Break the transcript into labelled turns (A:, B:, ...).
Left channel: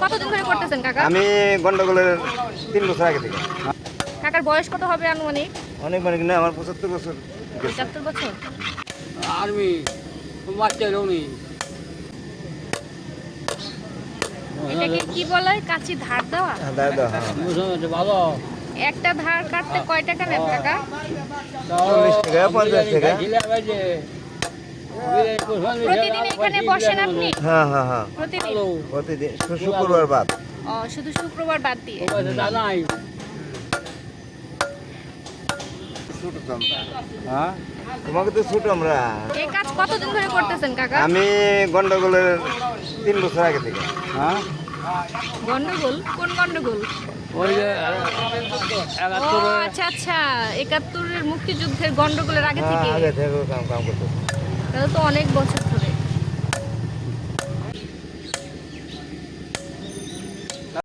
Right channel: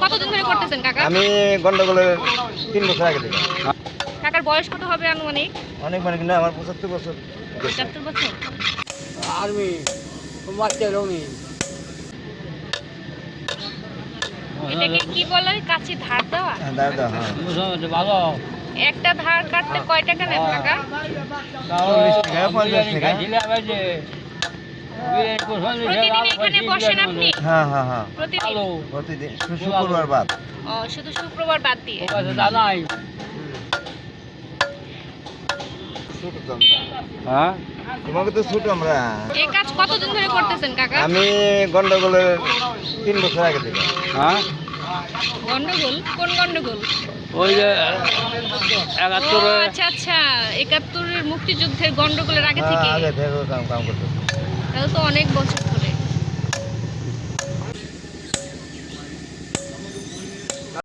A: কতদিন ধরে করতেছেন কাকা?
B: আমি গন্ডগোলের 3 বছর আগে থেকে।
A: কাকার বয়স কত হবে আনুমানিক?
B: অনেক মানে কিন্তু আমার 75 বছর।
A: 75 বছর।
C: আর্মি মারতে রমি
A: এটাকে কি বলে? কাঁচি ধার দেওয়া?
B: হ্যাঁ, দাদা, হ্যাঁ।
C: ভালো
A: একটা ধার কাটতে কয় টাকা নেন কাকা?
B: 40 টাকা, 50 টাকা।
A: প্রতিদিন এখানে বসেন আপনি?
B: হ্যাঁ, হ্যাঁ, হ্যাঁ।
A: প্রতিদিন?
B: প্রতিদিন শুক্রবার বাদ।
A: শুধু শুক্রবার বাদ দিয়ে?
C: দাদাই হ্যাঁ
B: তোমাকে তো ছোট আমরা।
A: এই কাজ কতদিন ধরে করতেছেন কাকা?
B: আমি গন্ডগোলের 3 বছর আগে থেকে।
C: হ্যাঁ
A: গন্ডগোল? কোন গন্ডগোল?
C: ওই যে
A: ও আচ্ছা আচ্ছা, 71 মুক্তিযুদ্ধের গন্ডগোলের আগে থেকে?
B: আগে থেকে কাম করতে।
A: তাহলে তো অনেক বছর